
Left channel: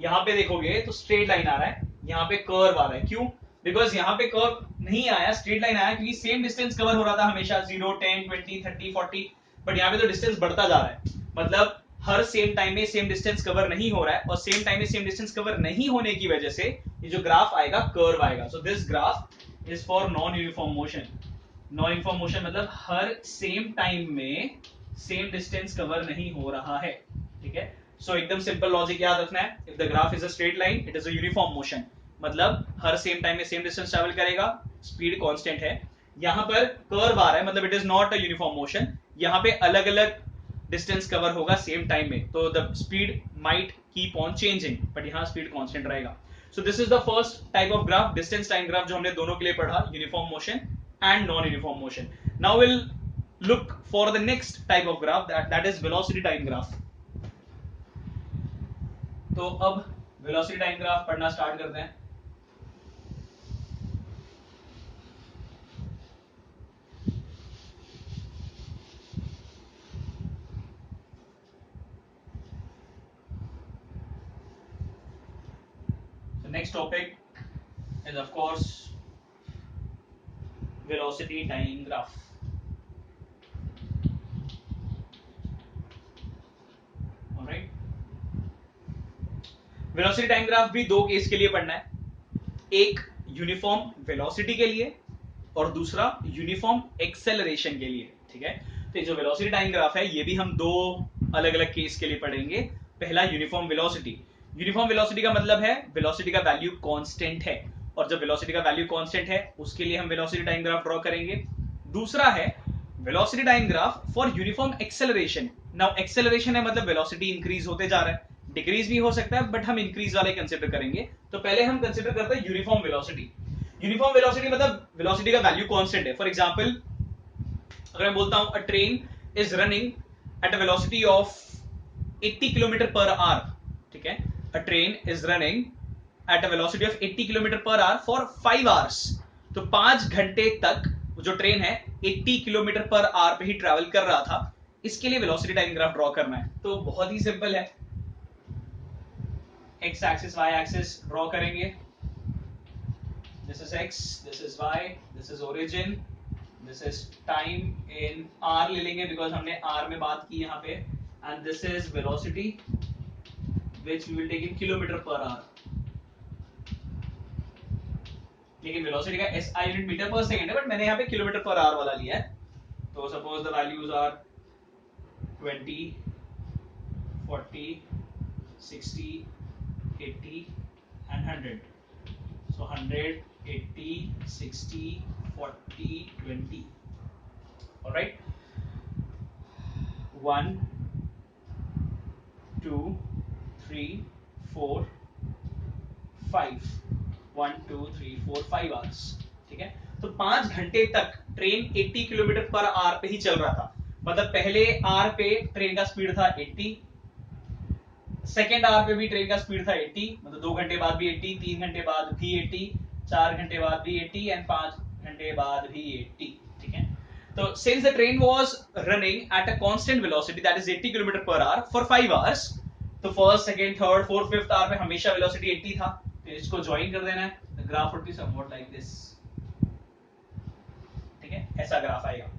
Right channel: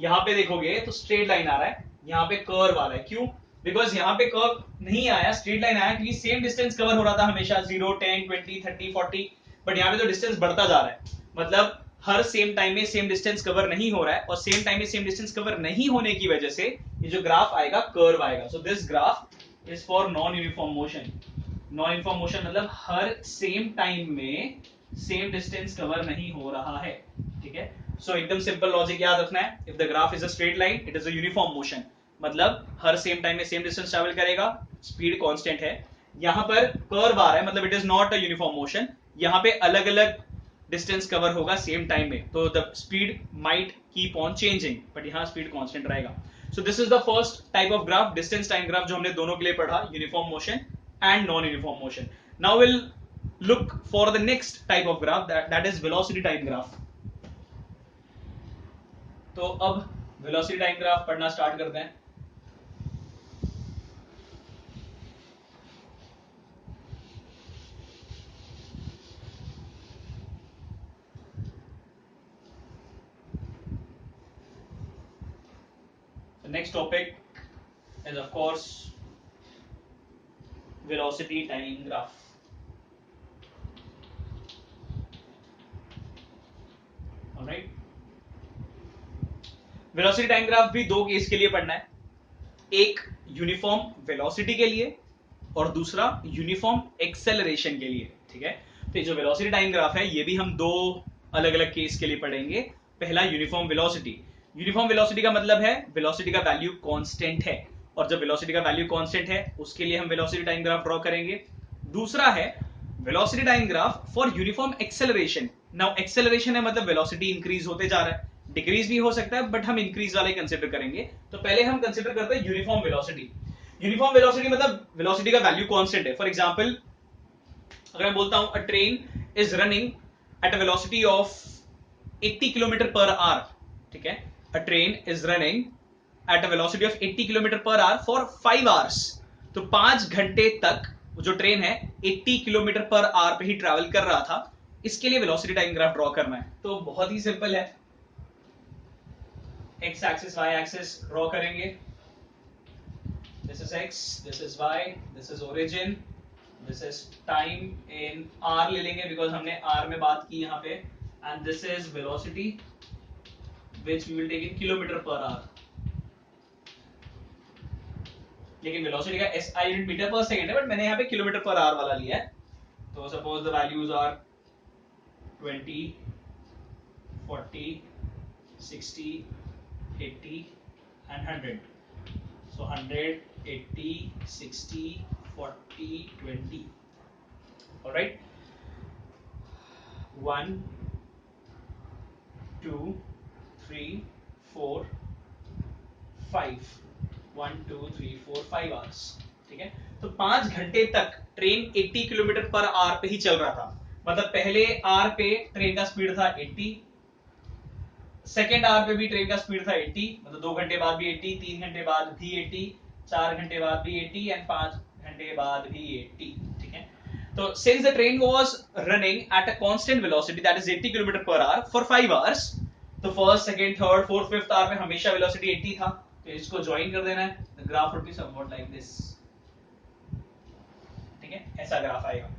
यहाँ पे देखोगे तो स्ट्रेट लाइन आ रहा है, यहाँ पे कर्व आ रहा है। क्यों? बिकॉज यहाँ पे कर्व नहीं आया, स्ट्रेट लाइन आया क्योंकि सेम डिस्टेंस कवर हो रहा था हमेशा 0, 10, 20, 30, 40। बट यहाँ पे तो डिस्टेंस बढ़ता जा रहा है, मतलब हर सेम टाइम में सेम डिस्टेंस कवर नहीं हो रहा है, और सेम टाइम में सेम डिस्टेंस कवर नहीं होने की वजह से ये जो ग्राफ आएगा कर्व आएगा। So this graph is for non uniform motion. Non uniform motion मतलब हर सेम टाइम में सेम डिस्टेंस कवर नहीं हो रहा है। ठीक है, सो एकदम सिंपल लॉजिक याद रखना है। If the graph is a straight line it is a uniform motion, मतलब हर सेम टाइम में सेम डिस्टेंस ट्रैवल करेगा, स्पीड कांस्टेंट है। यहाँ पर कर्व आ रहा है मतलब it is not a uniform motion, यहाँ पे अलग अलग डिस्टेंस कवर होगा सेम टाइम में, तो the speed might keep on changing but यहाँ स्पीड कांस्टेंट रहेगा। सो this is the first type of graph, distance time graph, जो हमने दोनों के लिए पढ़ा, uniform motion and non uniform motion. Now will look for the next type of graph that is velocity time graph। तो अब velocity time graph पढ़ना start करते हैं। So next topic is of course velocity time graph। Velocity time graph भी दो case के लिए पढ़ना है, एक यूनिफॉर्म वेलोसिटी के लिए और दूसरा यूनिफॉर्म एक्सेलरेशन के लिए, ठीक है। तो ये जो वेलोसिटी टाइम ग्राफ है ये भी हम दो अलग अलग केस के लिए पढ़ेंगे। पहला यूनिफॉर्म वेलोसिटी। यूनिफॉर्म वेलोसिटी का मतलब है वेलोसिटी का वैल्यू कांस्टेंट है, और जब वेलोसिटी का वैल्यू कांस्टेंट है उसके लिए हम वेलोसिटी टाइम ग्राफ ड्रॉ करेंगे। दूसरा है velocity time graph for uniform acceleration. Now acceleration है मतलब वेलोसिटी इंक्रीज होते जा रहा है, डिक्रीज भी हो सकता है बट हम इंक्रीज वाले कंसिडर करेंगे। तो पहले हम कंसिडर करते हैं यूनिफॉर्म वेलोसिटी। यूनिफॉर्म वेलोसिटी मतलब वेलोसिटी का वैल्यू कांस्टेंट है। फॉर एग्जांपल अगर मैं बोलता हूं अ train is running at a velocity of 80 kilometre per hour, ठीक है, अ train is running at a velocity of 80 kilometre per hour for 5 hours. तो 5 घंटे तक जो ट्रेन है 80 किलोमीटर पर आवर पे ही ट्रैवल कर रहा था। इसके लिए वेलोसिटी टाइम ग्राफ ड्रॉ करना है, तो बहुत ही सिंपल है। X axis Y axis draw करेंगे। This is x, this is y, this is origin, this is time in r ले लेंगे because हमने r में बात की यहाँ पे, and this is velocity which we will take in kilometer per hour। लेकिन velocity का SI unit metre per second है, बट मैंने यहाँ पे किलोमीटर पर आवर वाला लिया है। तो suppose the values are 20, 40, 60, 80 and 100। So 100, 80, 60, 40, 20। All right, 1, 2, 3, 4, 5, 1, 2, 3, 4, 5 hours, ठीक है। तो 5 घंटे तक ट्रेन 80 किलोमीटर पर आवर पे ही चल रहा था। मतलब पहले आवर पे ट्रेन का स्पीड था 80, सेकेंड आवर पे भी ट्रेन का स्पीड था 80, मतलब 2 घंटे बाद भी 80, 3 घंटे बाद भी 80, 4 घंटे बाद भी 80 एंड 5 घंटे बाद भी 80, ठीक है। तो since the train was running at a constant velocity that is 80 km per hour for 5 hours, तो first second third fourth fifth hour में हमेशा वेलोसिटी 80 था, तो इसको ज्वाइन कर देना है। The graph would be somewhat like this, ठीक है, ऐसा ग्राफ आएगा।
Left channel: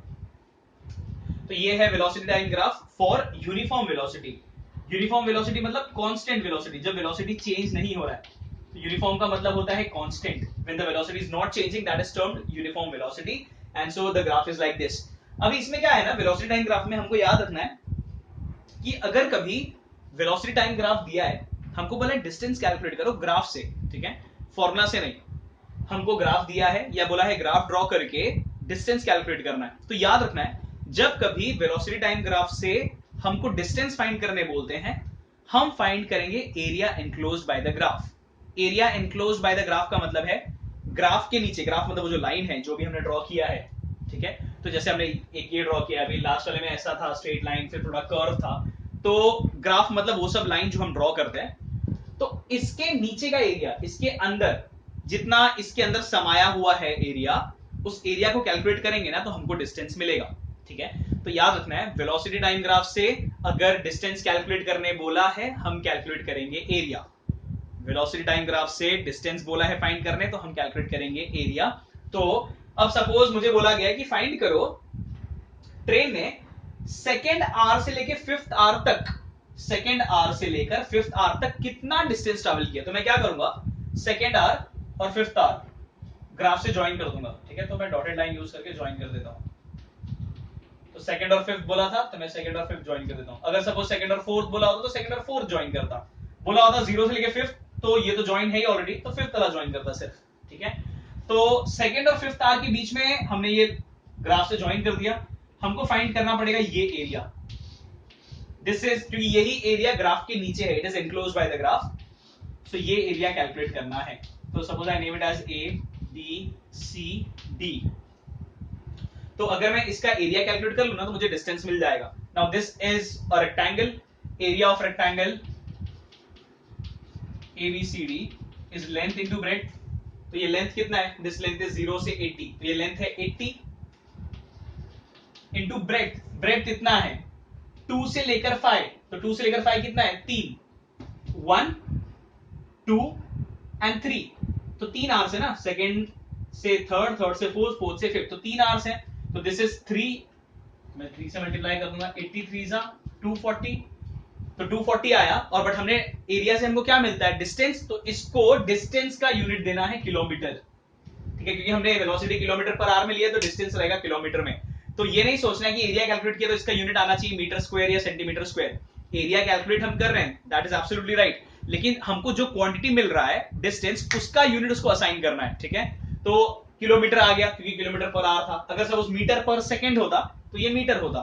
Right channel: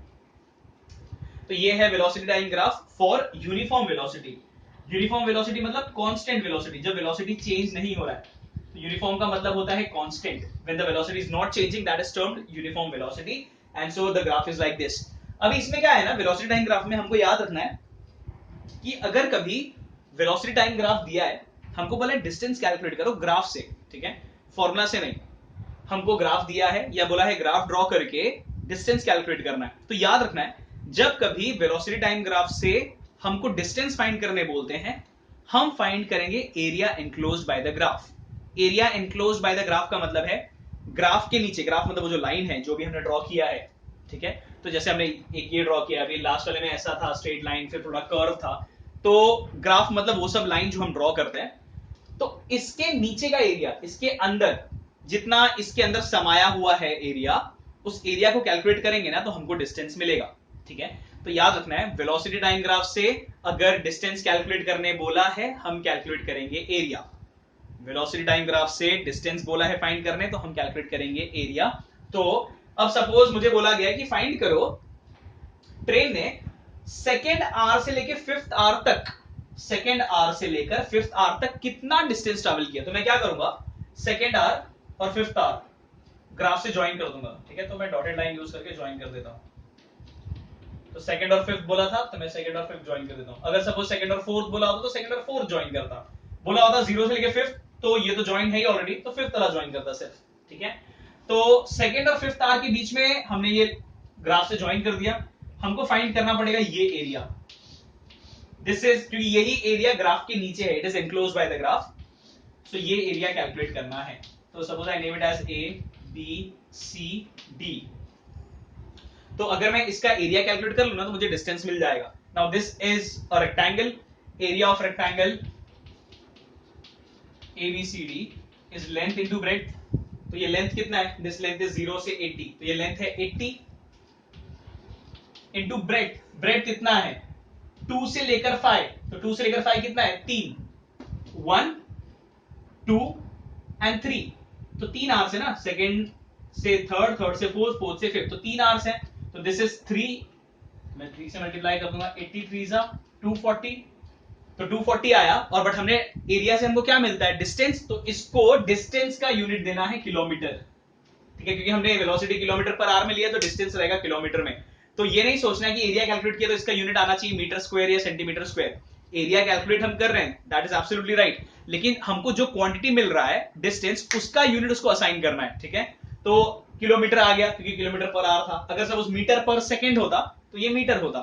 तो ये है velocity time graph for uniform velocity. Uniform velocity मतलब कांस्टेंट वेलोसिटी, जब वेलोसिटी चेंज नहीं हो रहा है। तो यूनिफॉर्म का मतलब होता है constant. When the velocity is not changing that is termed uniform velocity, and so the graph is like this. अभी इसमें क्या है ना, वेलोसिटी टाइम ग्राफ में हमको याद रखना है कि अगर कभी वेलोसिटी टाइम ग्राफ दिया है, हमको बोला डिस्टेंस कैलकुलेट करो ग्राफ से, ठीक है, फॉर्मूला से नहीं। हमको ग्राफ दिया है या बोला है ग्राफ ड्रॉ करके डिस्टेंस कैलकुलेट करना है, तो याद रखना है जब कभी वेलोसिटी टाइम ग्राफ से हमको डिस्टेंस फाइंड करने बोलते हैं, हम फाइंड करेंगे area enclosed by the graph. Area enclosed by the graph का मतलब है ग्राफ के नीचे, ग्राफ मतलब वो जो लाइन है जो भी हमने ड्रॉ किया है, ठीक है। तो जैसे हमने एक ये ड्रॉ किया, अभी लास्ट वाले में ऐसा था स्ट्रेट लाइन, फिर थोड़ा कर्व था। तो ग्राफ मतलब वो सब लाइन जो हम ड्रॉ करते हैं। तो इसके नीचे का एरिया, इसके अंदर जितना इसके अंदर समाया हुआ है एरिया, उस एरिया को कैलकुलेट करेंगे ना तो हमको डिस्टेंस मिलेगा, ठीक है। तो याद रखना है वेलोसिटी टाइम ग्राफ से अगर डिस्टेंस कैलकुलेट करने बोला है, हम कैलकुलेट करेंगे एरिया। वेलोसिटी टाइम ग्राफ से डिस्टेंस बोला है फाइंड करने, तो हम कैलकुलेट करेंगे एरिया। तो अब सपोज मुझे बोला गया कि फाइंड करो ट्रेन ने सेकेंड आवर से लेकर फिफ्थ आवर तक, सेकेंड आवर से लेकर फिफ्थ आवर तक कितना डिस्टेंस ट्रैवल किया। तो मैं क्या करूंगा, सेकेंड आवर और फिफ्थ आवर ग्राफ से ज्वाइन कर दूंगा, ठीक है। तो मैं डॉटेड लाइन यूज करके ज्वाइन कर देता हूं। तो सेकंड और फिफ्थ बोला था तो मैं सेकंड और फिफ्थ ज्वाइन कर देता हूं। अगर सपोज सेकंड और फोर्थ बोला होता तो सेकंड और फोर्थ ज्वाइन करता। बोला होता जीरो से लेकर फिफ्थ, तो ये तो ज्वाइन है ही ऑलरेडी, तो फिफ्थ वाला ज्वाइन करता सिर्फ, ठीक है। तो सेकंड और फिफ्थ आवर के बीच में हमने ये ग्राफ से ज्वाइन कर दिया। हमको फाइंड करना पड़ेगा ये एरिया। दिस इज, क्योंकि यही एरिया ग्राफ के नीचे है, it is enclosed by the graph, तो ये एरिया कैलकुलेट करना है। तो suppose I name it as A B C D. तो अगर मैं इसका एरिया कैलकुलेट कर लूं ना तो मुझे डिस्टेंस मिल जाएगा। Now this is a rectangle, area of rectangle ABCD is length into breadth. तो ये लेंथ कितना है, दिस लेंथ इज 0 से 80, तो ये लेंथ है 80 इनटू ब्रेड्थ। ब्रेड्थ कितना है 2 से लेकर 5, तो 2 से लेकर 5 कितना है 3, 1 2 एंड 3, तो 3 आवर्स है ना, सेकंड से थर्ड, थर्ड से फोर्थ, फोर्थ से फिफ्थ, तो 3 आवर्स है। तो दिस इज 3, मैं 3 से मल्टीप्लाई कर दूंगा, 83 जा 240, तो 240 आया, और बट हमने एरिया से हमको क्या मिलता है, डिस्टेंस, तो इसको डिस्टेंस का यूनिट देना है किलोमीटर, ठीक है, क्योंकि हमने वेलोसिटी किलोमीटर पर आवर में लिया तो डिस्टेंस रहेगा किलोमीटर में। तो ये नहीं सोचना है कि एरिया कैलकुलेट किया तो इसका यूनिट आना चाहिए मीटर स्क्वायर या सेंटीमीटर स्क्वायर। एरिया कैलकुलेट हम कर रहे हैं, दैट इज एब्सोल्युटली राइट, लेकिन हमको जो क्वांटिटी मिल रहा है डिस्टेंस, उसका यूनिट उसको असाइन करना है, ठीक है। तो किलोमीटर आ गया क्योंकि किलोमीटर पर आवर था, अगर सपोज मीटर पर सेकेंड होता तो ये मीटर होता,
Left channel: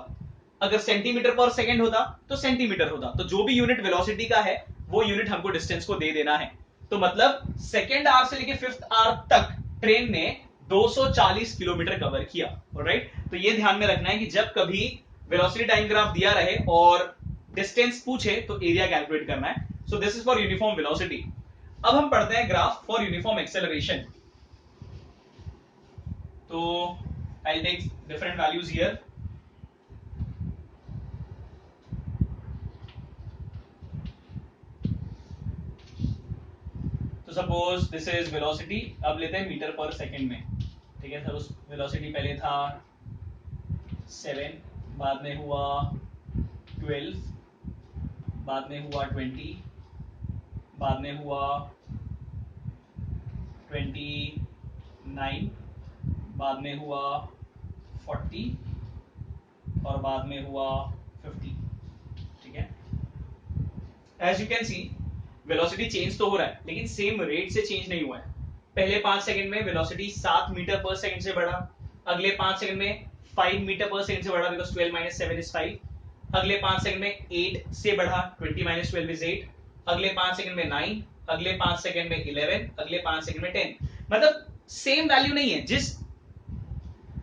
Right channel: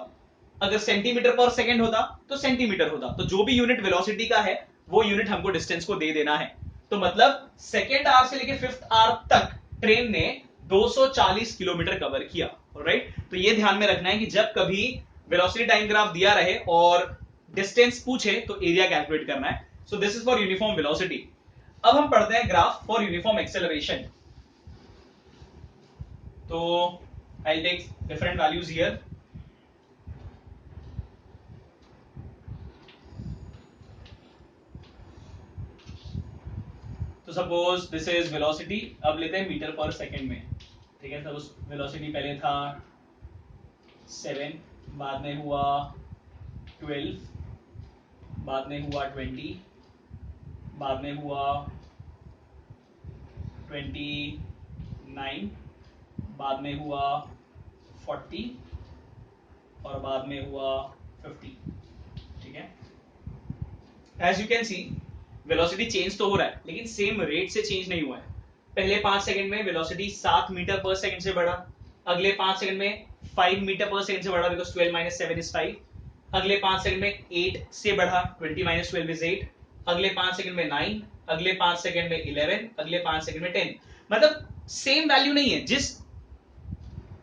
अगर सेंटीमीटर पर सेकेंड होता तो सेंटीमीटर होता। तो जो भी यूनिट वेलोसिटी का है वो यूनिट हमको डिस्टेंस को दे देना है। तो मतलब सेकेंड आवर से लेके फिफ्थ आवर तक ट्रेन ने 240 किलोमीटर कवर किया, राइट। तो ये ध्यान में रखना है कि जब कभी वेलोसिटी टाइम ग्राफ दिया रहे और डिस्टेंस पूछे तो एरिया कैलकुलेट करना है। So this is for uniform velocity. अब हम पढ़ते हैं ग्राफ फॉर यूनिफॉर्म एक्सेलरेशन। तो I take different values here. तो सपोज दिस इज वेलोसिटी, अब लेते हैं मीटर पर सेकंड में, ठीक है। सपोज वेलोसिटी पहले था 7, बाद में हुआ 12, बाद में हुआ 20, बाद में हुआ 29, बाद में हुआ 40 और बाद में हुआ 50, ठीक है। As you can see velocity change तो हो रहा है लेकिन सेम रेट से चेंज नहीं हुआ है। पहले 5 सेकंड में वेलोसिटी 7 मीटर पर सेकंड से बढ़ा, अगले 5 सेकंड में 5 मीटर पर सेकंड से बढ़ा, बिकॉज 12 माइनस 7 इज 5, अगले 5 सेकंड में 8 से बढ़ा, 20 माइनस 12 इज 8, अगले 5 सेकंड में 9, अगले 5 सेकंड में 11, अगले 5 सेकंड में 10। मतलब सेम वैल्यू नहीं है, जिस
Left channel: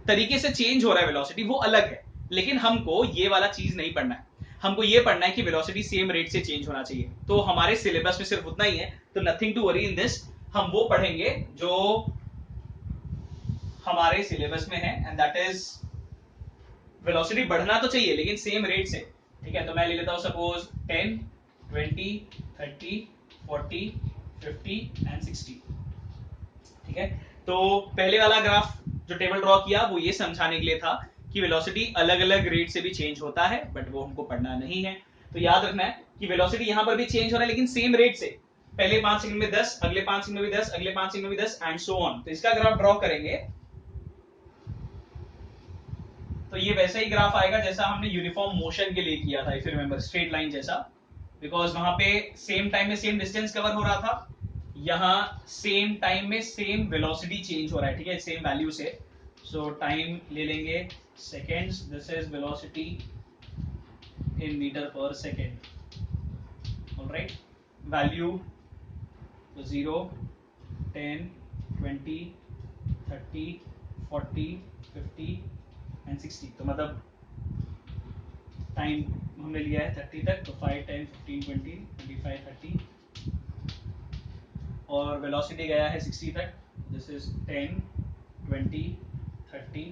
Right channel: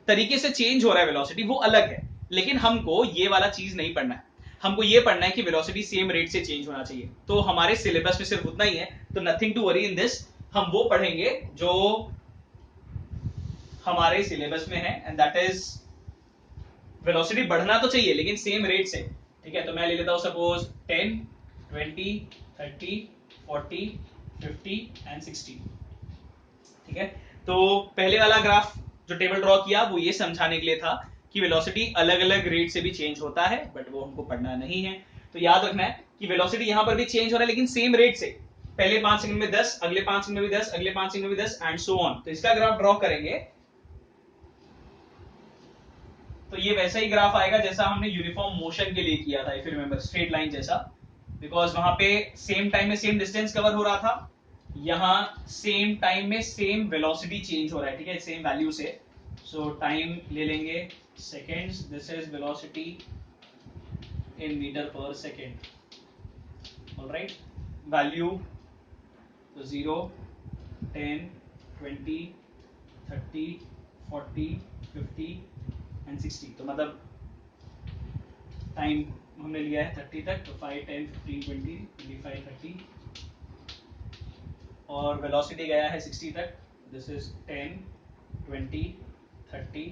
तरीके से चेंज हो रहा है वेलोसिटी वो अलग है, लेकिन हमको ये वाला चीज नहीं पढ़ना है। हमको ये पढ़ना है कि वेलोसिटी सेम रेट से चेंज होना चाहिए। तो हमारे सिलेबस में सिर्फ उतना ही है, तो nothing to worry in this. हम वो पढ़ेंगे जो हमारे सिलेबस में है, एंड दैट इज वेलोसिटी बढ़ना तो चाहिए लेकिन सेम रेट से, ठीक है। तो मैं ले लेता हूं सपोज 10, 20, 30, 40, 50 एंड 60, ठीक है। तो पहले वाला ग्राफ जो टेबल ड्रॉ किया वो ये समझाने के लिए था कि वेलोसिटी अलग अलग रेट से भी चेंज होता है, बट वो हमको पढ़ना नहीं है। तो याद रखना है कि वेलोसिटी यहां पर भी चेंज हो रहा है लेकिन सेम रेट से, पहले 5 सेकंड में 10, अगले 5 सेकंड में भी 10, अगले 5 सेकंड में भी 10 एंड सो ऑन। तो इसका ग्राफ ड्रॉ करेंगे तो ये वैसा ही ग्राफ आएगा जैसा हमने यूनिफॉर्म मोशन के लिए किया था, if you remember, straight line जैसा, बिकॉज वहां पे सेम टाइम में सेम डिस्टेंस कवर हो रहा था, यहां सेम टाइम में सेम वेलोसिटी चेंज हो रहा है, ठीक है, सेम वैल्यू से। सो टाइम ले लेंगे seconds, this is velocity in metre per second, alright. Value 0, 10, 20, 30, 40, 50 and 60। तो मतलब टाइम हमने लिया है 30 तक, तो 5, 10, 15, 20, 25, 30, और वेलोसिटी गया है 60 तक, दिस इज 10, 20, 30,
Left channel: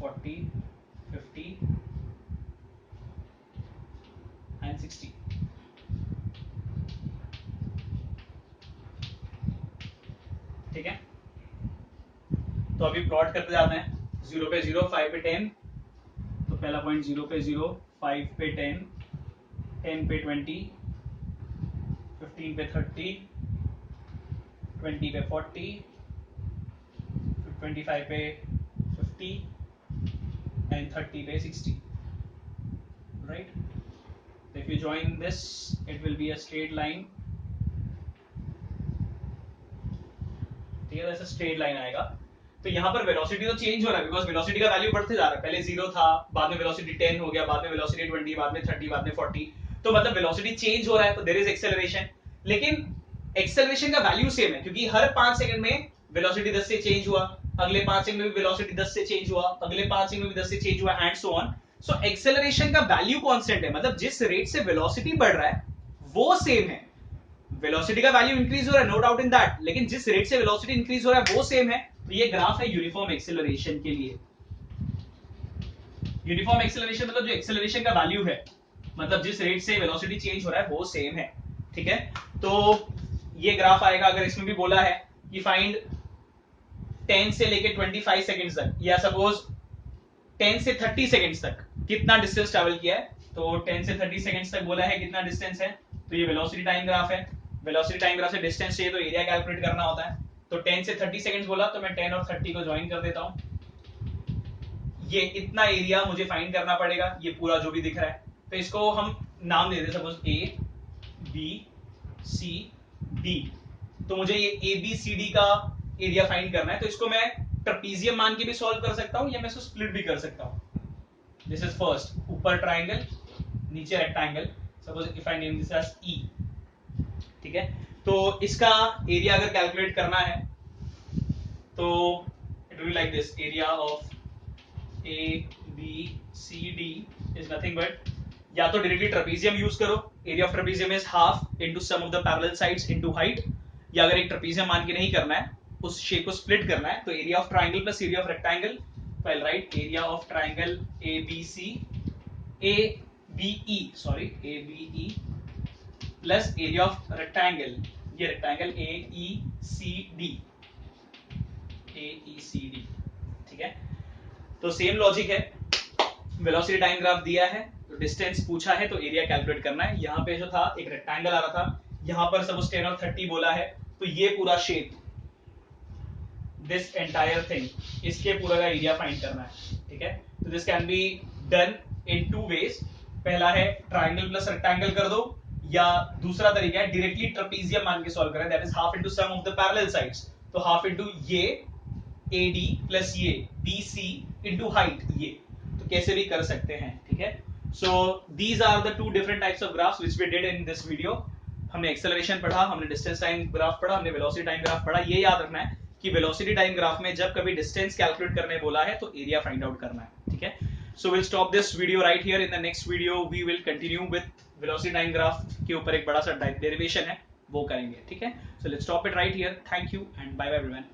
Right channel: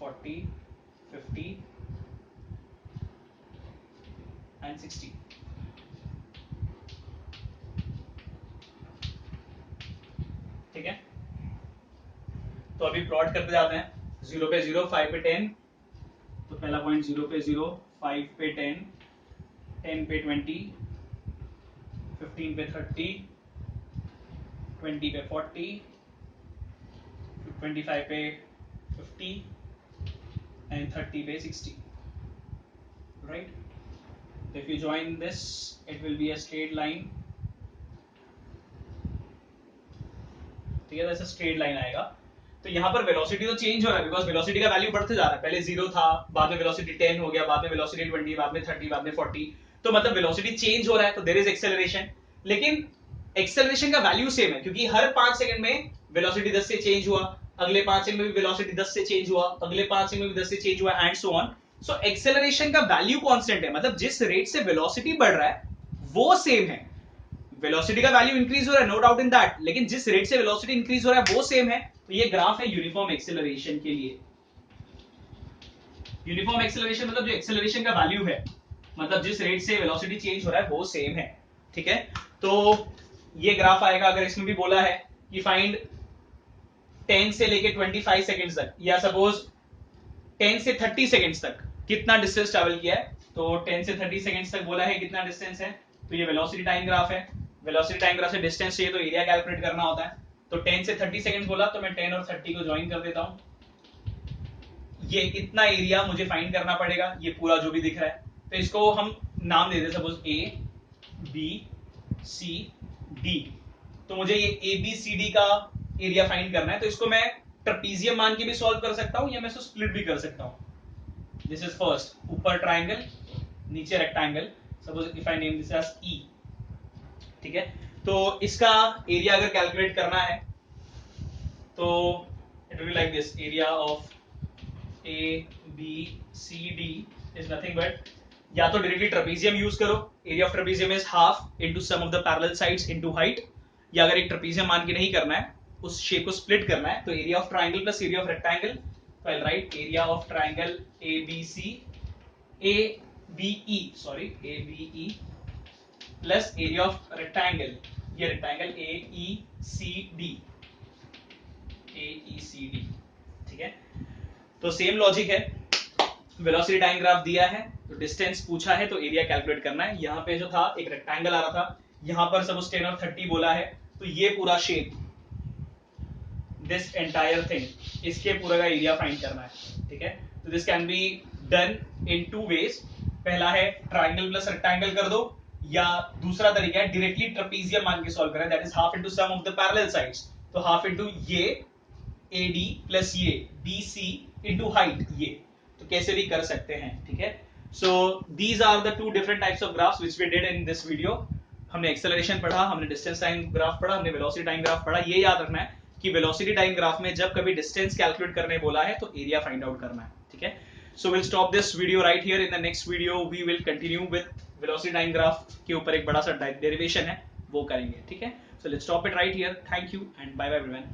40, 50 एंड 60, ठीक है। तो अभी प्लॉट करते जाते हैं, 0 पे 0, 5 पे 10, तो पहला पॉइंट 0 पे 0, 5 पे 10, 10 पे 20, 15 पे 30, 20 पे 40, 25 पे 50 and 30 पे 60, right? So if you join this, it will be a straight line. ठीक है, ऐसा स्ट्रेट लाइन आएगा। तो यहाँ पर वेलोसिटी तो चेंज हो रहा है बिकॉज वेलोसिटी का वैल्यू बढ़ते जा रहा है, पहले 0 था, बाद में वेलोसिटी 10 हो गया, बाद में वेलोसिटी 20, बाद में 30, बाद में 40। तो मतलब वेलोसिटी चेंज हो रहा है, तो देयर इज एक्सेलरेशन, लेकिन एक्सेलरेशन का वैल्यू सेम है क्योंकि हर 5 सेकंड में वेलोसिटी 10 से चेंज हुआ, अगले 5 सेकंड में भी वेलोसिटी 10 से चेंज हुआ, अगले 5 सेकंड में भी 10 से चेंज हुआ and so on. So acceleration का वैल्यू कांस्टेंट है, मतलब जिस रेट से वेलोसिटी बढ़ रहा है वो सेम है। वेलोसिटी का वैल्यू इंक्रीज हो रहा है, नो डाउट इन दैट, लेकिन जिस रेट से वेलोसिटी इंक्रीज हो रहा है वो सेम है। तो ये ग्राफ है यूनिफॉर्म एक्सेलरेशन के लिए। यूनिफॉर्म एक्सेलरेशन मतलब जो एक्सेलरेशन का वैल्यू है, मतलब जिस रेट से वेलोसिटी चेंज हो रहा है वो सेम है, ठीक है। तो ये ग्राफ आएगा, अगर इसमें भी बोला है कि फाइंड 10 से लेके 25 सेकंड्स तक, या सपोज 10 से 30 सेकंड्स तक कितना डिस्टेंस ट्रैवल किया है, तो 10 से 30 सेकंड्स तक बोला है कितना डिस्टेंस है, तो ये वेलोसिटी टाइम ग्राफ है। वेलोसिटी टाइम ग्राफ से डिस्टेंस चाहिए तो एरिया कैलकुलेट करना होता है। तो 10 से 30 सेकंड्स बोला तो मैं 10 और 30 को ज्वाइन कर देता हूं। ये इतना एरिया मुझे फाइंड करना पड़ेगा, ये पूरा जो भी दिख रहा है। तो इसको हम नाम दे दें suppose A B C D. तो मुझे ये ए बी सी डी का एरिया फाइंड करना है, तो इसको मैं ट्रेपीजियम मान के भी सॉल्व कर सकता हूं या मैं इसको स्प्लिट भी कर सकता हूं। दिस इज फर्स्ट, ऊपर ट्राइंगल नीचे rectangle, suppose if I name this as E, ठीक है। तो इसका एरिया अगर कैलकुलेट करना है तो it will be like this, area of A B C D is nothing but, या तो डायरेक्टली ट्रेपीजियम यूज करो, area of trapezium is half into sum of the parallel sides into height, या अगर एक trapezium मान के नहीं करना है, उस शेप को स्प्लिट करना है, तो area of triangle plus area of rectangle, तो I write area of triangle A B E plus area of rectangle, ये rectangle A E C D, ठीक है। तो सेम लॉजिक है, वेलोसिटी टाइम ग्राफ दिया है तो डिस्टेंस पूछा है तो एरिया कैलकुलेट करना है। यहाँ पे जो था एक रेक्टेंगल आ रहा था, यहाँ पर सपोज 10 और 30 बोला है, तो ये पूरा शेप, दिस एंटायर थिंग, इसके पूरा का एरिया फाइंड करना है, ठीक है। तो this can be done in 2 ways. पहला है ट्राइंगल प्लस रेक्टेंगल कर दो, या दूसरा तरीका है डायरेक्टली ट्रेपीजियम मान के सॉल्व करें, that is half into sum of the parallel sides, तो हाफ इनटू ये AD प्लस ये BC इनटू हाइट, ये तो कैसे भी कर सकते हैं, ठीक है। So these are the 2 different types of graphs which we did in this video. हमने एक्सेलरेशन पढ़ा, हमने डिस्टेंस टाइम ग्राफ पढ़ा, हमने वेलोसिटी टाइम ग्राफ पढ़ा। ये याद रखना है कि वेलोसिटी टाइम ग्राफ में जब कभी डिस्टेंस कैलकुलेट करने बोला है तो एरिया फाइंड आउट करना है, ठीक है। So will stop this video right here. In the next video we will continue with velocity time graph के ऊपर एक बड़ा सा डेरिवेशन है, वो करेंगे, ठीक है। So let's stop it right here. Thank you and bye bye everyone.